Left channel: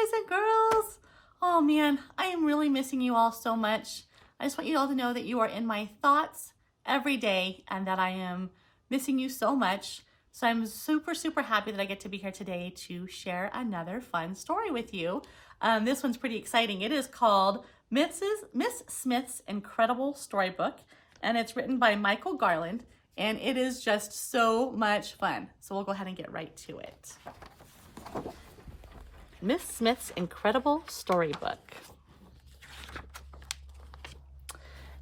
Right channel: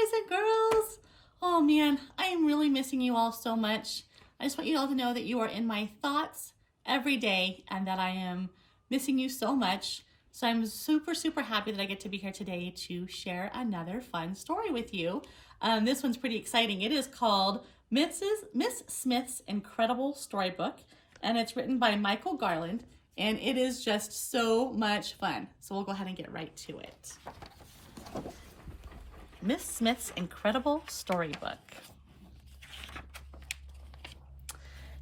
boys and girls. Oh man, I am really missing you all so much. I just want you all to know that you are in my thoughts every day and that I am missing you so much. So I'm super, super happy that I get to be here today to share another fun story with you. This one's pretty exciting. It is called Miss Smith's Incredible Storybook, and it's written by Michael Garland, and it is just so much fun. So we'll go ahead and get right to it. Miss Smith's Incredible Storybook.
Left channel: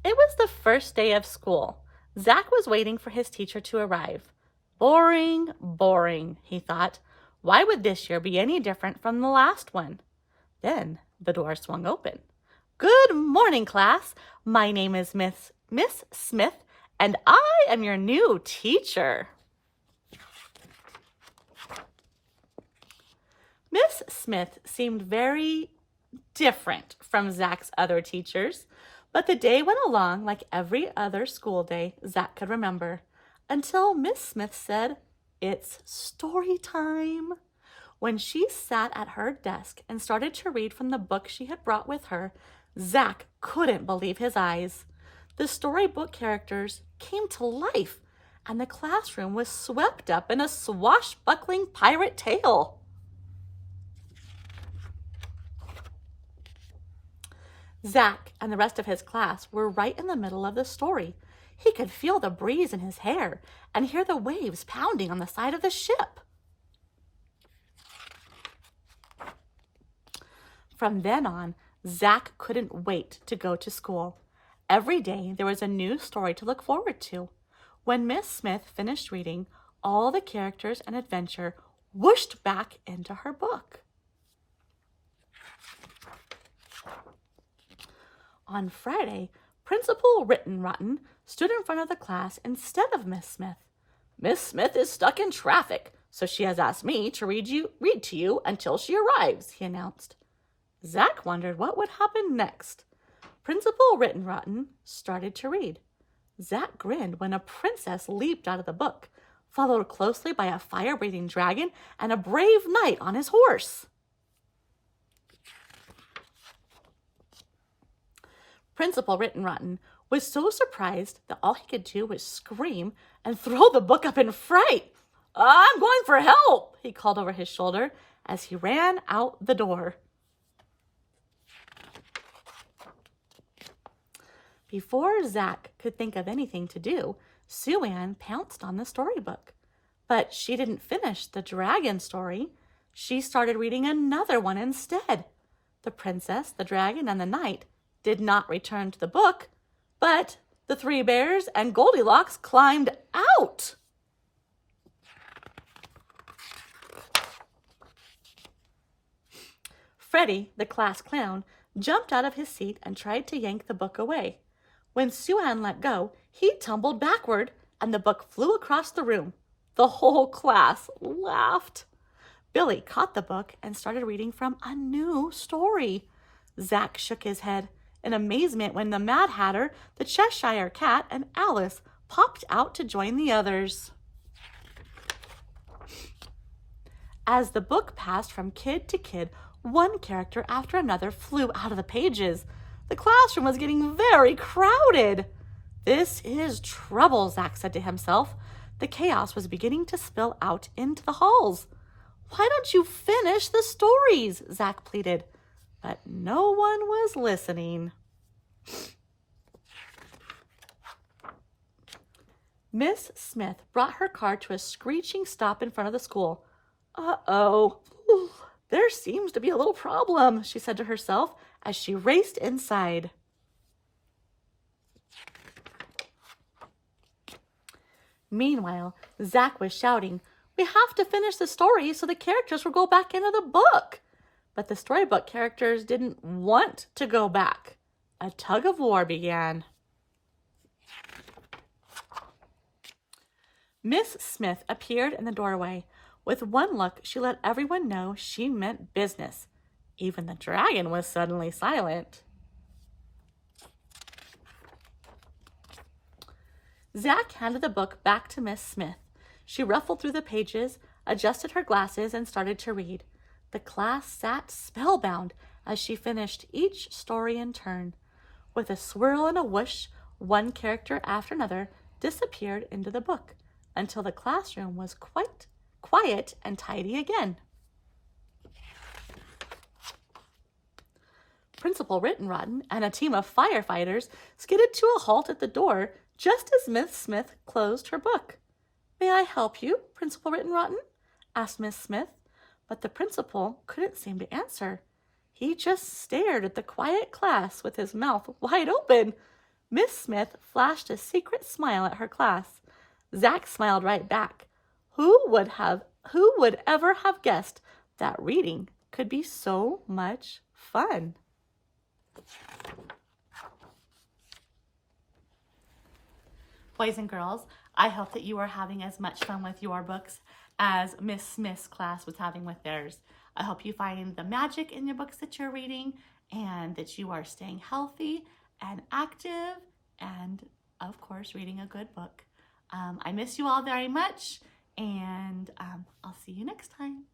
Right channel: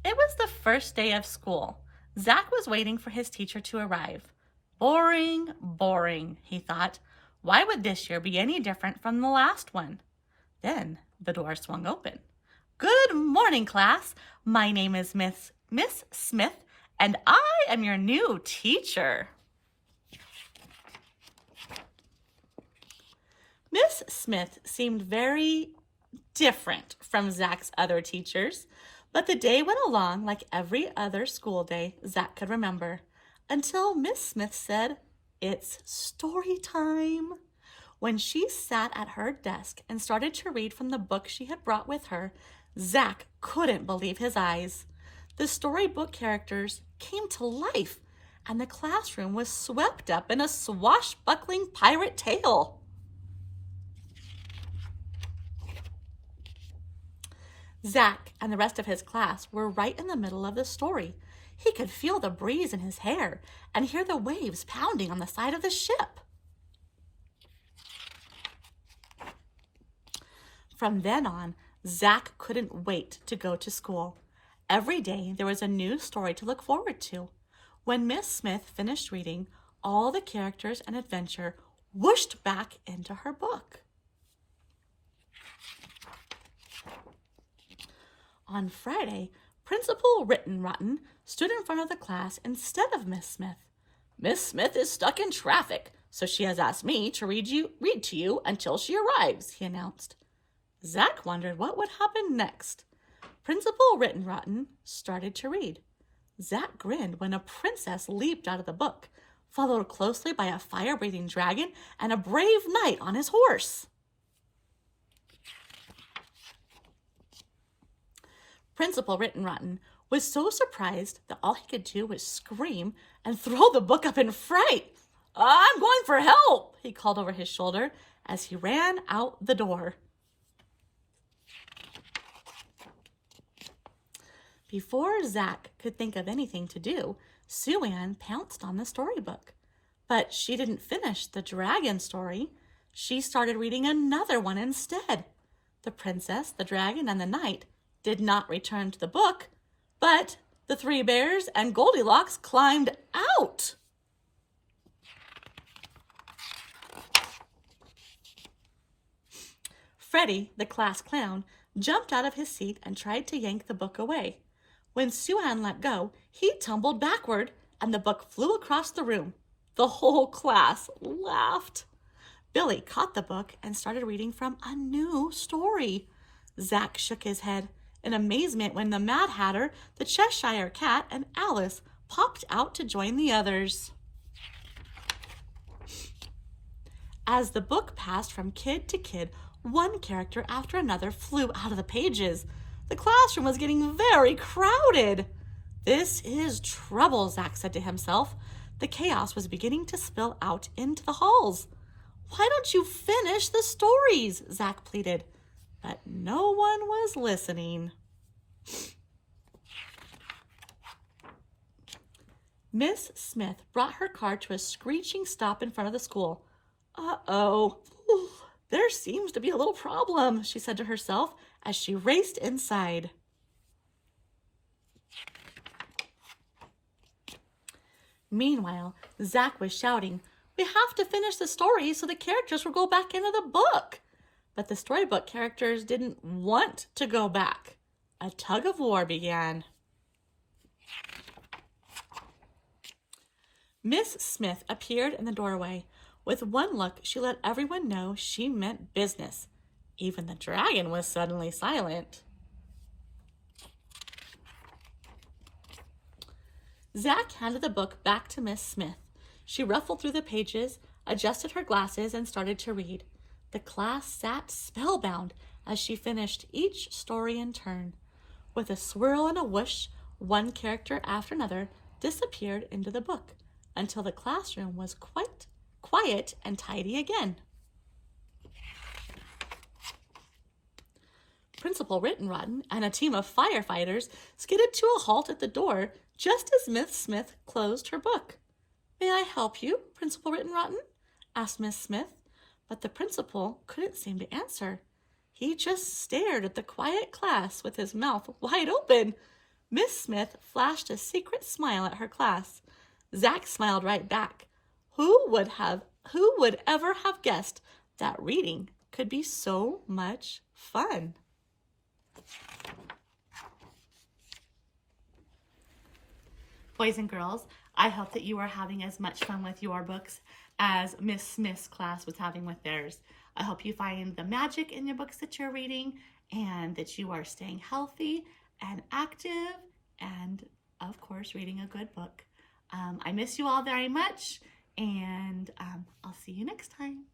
It was the first day of school. Zach was waiting for his teacher to arrive. Boring, boring, he thought. Why would this year be any different from the last one? Then the door swung open. Good morning, class. My name is Miss Smith, and I am your new teacher. Miss Smith seemed very different from Zach's other teachers, but the day went along like every other school day Zach could remember, until Miss Smith said, "It's story time." When she sat at her desk and started to read from the book she had brought with her, Zach couldn't believe his eyes. The storybook characters came to life, and the classroom was swept up in a swashbuckling pirate tale. Zach and the rest of his class were right in the middle of the story. He could feel the breeze in his hair and hear the waves pounding on the side of the ship. From then on, Zach couldn't wait to go to school. Every day there was a new story to look forward to. When Miss Smith finished reading, all the characters and adventure whooshed back into her book. On Friday, Principal Rittenrotten stood in front of the class instead of Miss Smith. "Miss Smith is stuck in traffic, so she has asked me to read to you until she arrives," he announced. Zach wondered what would happen next. Principal Rittenrotten started to read. Zach grinned when a princess leaped out of the book, followed closely by a fire-breathing dragon and a brave knight on his horse. Principal Rittenrotten was so surprised that all he could do was scream and throw the book up in fright. "I'm going for help," he called over his shoulder as he ran out the door. Before Zach could think of anything to do, Sue Ann pounced on the storybook. But she didn't finish the dragon story. She started reading another one instead. The princess, the dragon, and the knight did not return to the book, but the three bears and Goldilocks climbed out. Freddie, the class clown, jumped out of his seat and tried to yank the book away. When Sue Ann let go, he tumbled backward and the book flew across the room. The whole class laughed. Billy caught the book and started reading from a new story. Zach shook his head in amazement when the Mad Hatter, the Cheshire Cat, and Alice popped out to join the others. As the book passed from kid to kid, one character after another flew out of the pages. The classroom was getting very crowded. "This is trouble," Zach said to himself. The chaos was beginning to spill out into the halls. "Why don't you finish the stories?" Zach pleaded. But no one was listening. Miss Smith brought her car to a screeching stop in front of the school. "Uh-oh, there seems to be a little problem," she said to herself as she raced inside. Meanwhile, Zach was shouting, "We have to finish the story so the characters will go back into the book." But the storybook characters didn't want to go back. A tug of war began. Miss Smith appeared in the doorway. With one look, she let everyone know she meant business. Even the dragon was suddenly silent. Zach handed the book back to Miss Smith. She ruffled through the pages, adjusted her glasses, and started to read. The class sat spellbound as she finished each story in turn. With a swirl and a whoosh, one character after another disappeared into the book until the classroom was quite quiet and tidy again. Principal Rittenrotten and a team of firefighters skidded to a halt at the door just as Miss Smith closed her book. "May I help you, Principal Rittenrotten?" asked Miss Smith, but the principal couldn't seem to answer. He just stared at the quiet class with his mouth wide open. Miss Smith flashed a secret smile at her class. Zach smiled right back. Who would ever have guessed that reading could be so much fun? Boys and girls, I hope that you are having as much fun with your books as Miss Smith's class was having with theirs. I hope you find the magic in your books that you're reading and that you are staying healthy and active and, of course, reading a good book. I miss you all very much, and I'll see you next time.